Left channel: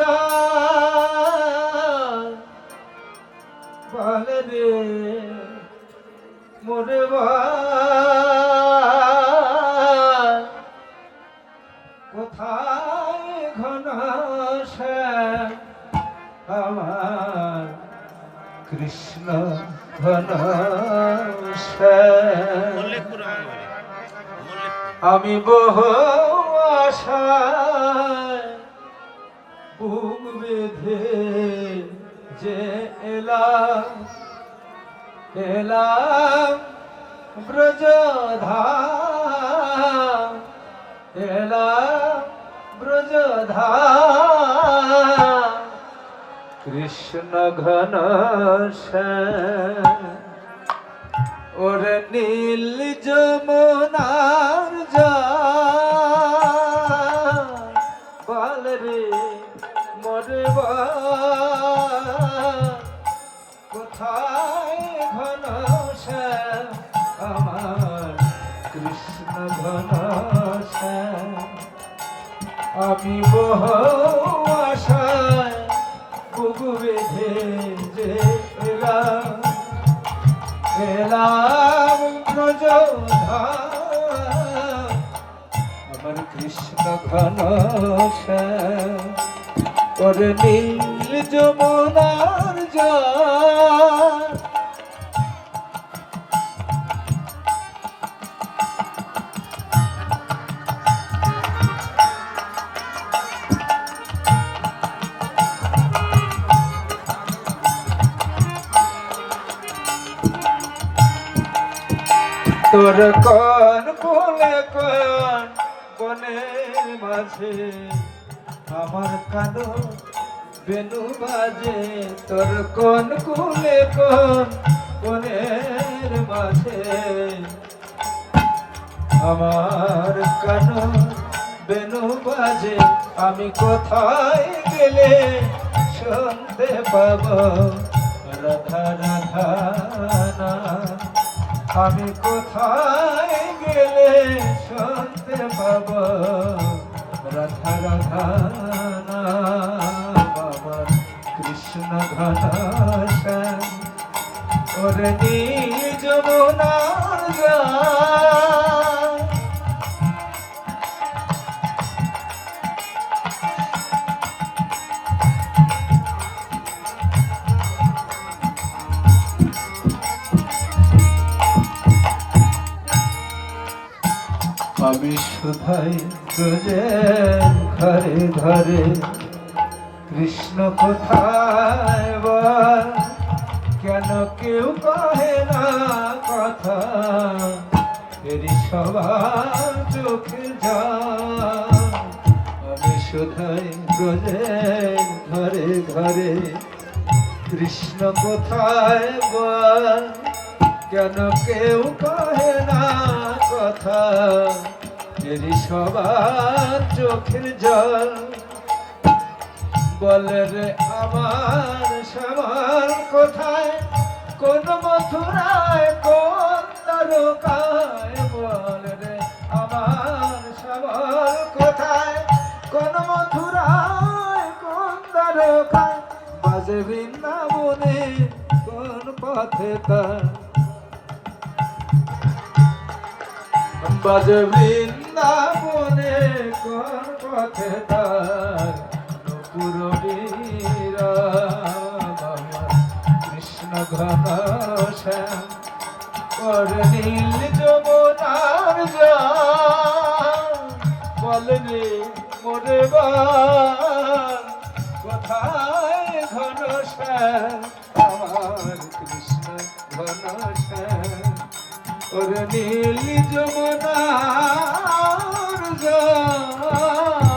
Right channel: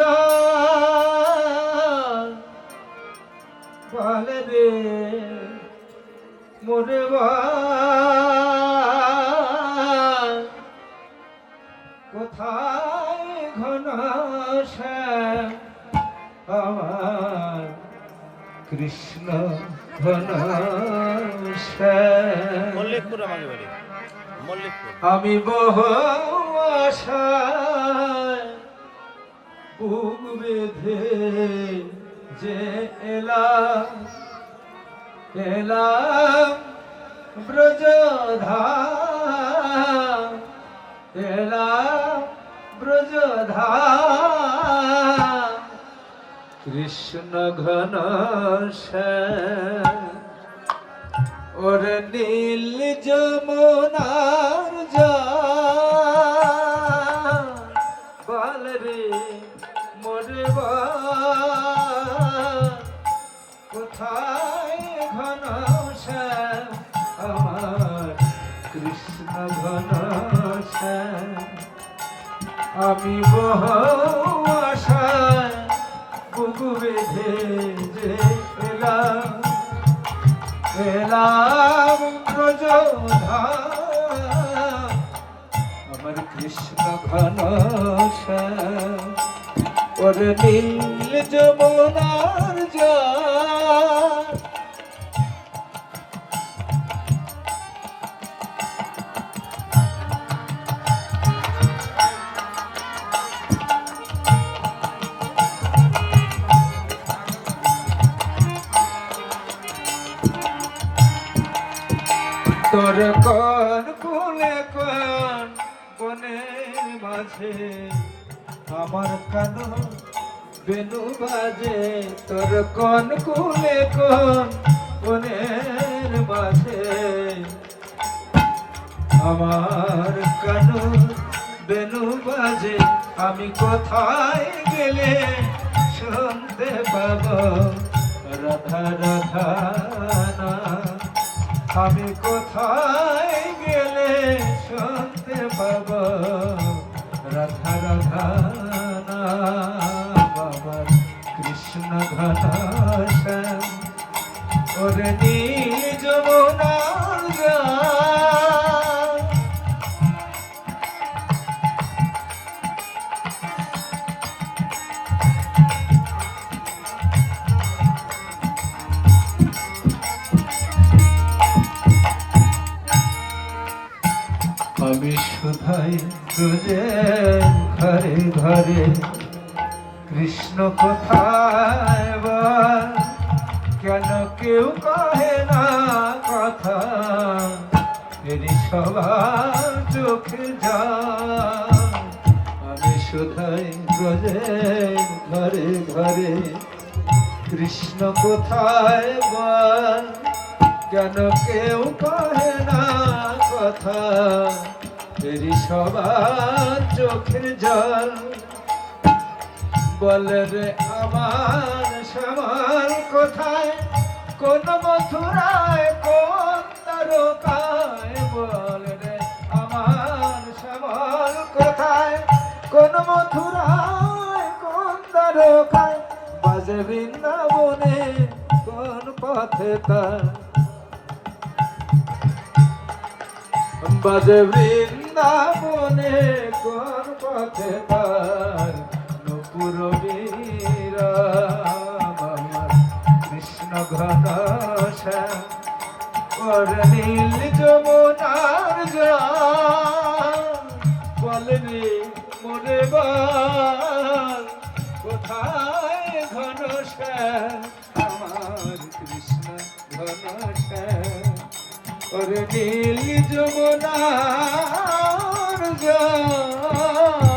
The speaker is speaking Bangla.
যায় বলে রে মোরে কোথায় ঘন আমার কৃষ্ণ ঘন আমি বহু আশায় বুক বেঁধে যে এলাম এলাম ব্রজধাম এলাম ব্রজধাম কৃষ্ণ ঘন ওরে নীল যমুনার জল বল রে মোরে কোথায় ঘন আমার কৃষ্ণ ঘন আমি বহু আশায় বুক বেঁধে যে এলাম এলাম ব্রজধাম আমার কৃষ্ণ ঘন ওরে নীল যমুনার জল তোর কোন কোলে কোন বনের মাঝে আমার কানো বেনু বাজে তোর কোন কোলে কোন বনের মাঝে আমার কানো বেনু বাজে আমি কোথায় গেলে শুনতে পাবো রাধা রাধা না আমি কোথায় গেলে শুনতে পাব রাধা রাধা আমার কৃষ্ণ ঘন ওরে নীল যমুনার জল আমি শুধাই তুঝে ঘরে ঘরে কৃষ্ণ কোথায় বল কেন কেউ কহে না কথা এরি সবার চোখে যা আমি শুধাই তুঝে ঘরে ঘরে কৃষ্ণ কোথায় বল কেন কেউ কহে না কথা এরি সবার চোখের জল বলে রে আমার শ্যামার কোথায় কোন মথুরায় কোন তারকায় বলে রে আমার শ্যামার কোথায় কোন মথুরায় কোন তারকায় বাজে বৃন্দাবনে কোন পথে তার বাজে বৃন্দাবনে কোন পথে তার নূপুর আমার কৃষ্ণ ঘন শ্যাম ওরে নীল যমুনার জল বল রে মোরে বল কোথায় ঘন শ্যাম আমার কৃষ্ণ ঘন শ্যাম ওরে নীল যমুনার জল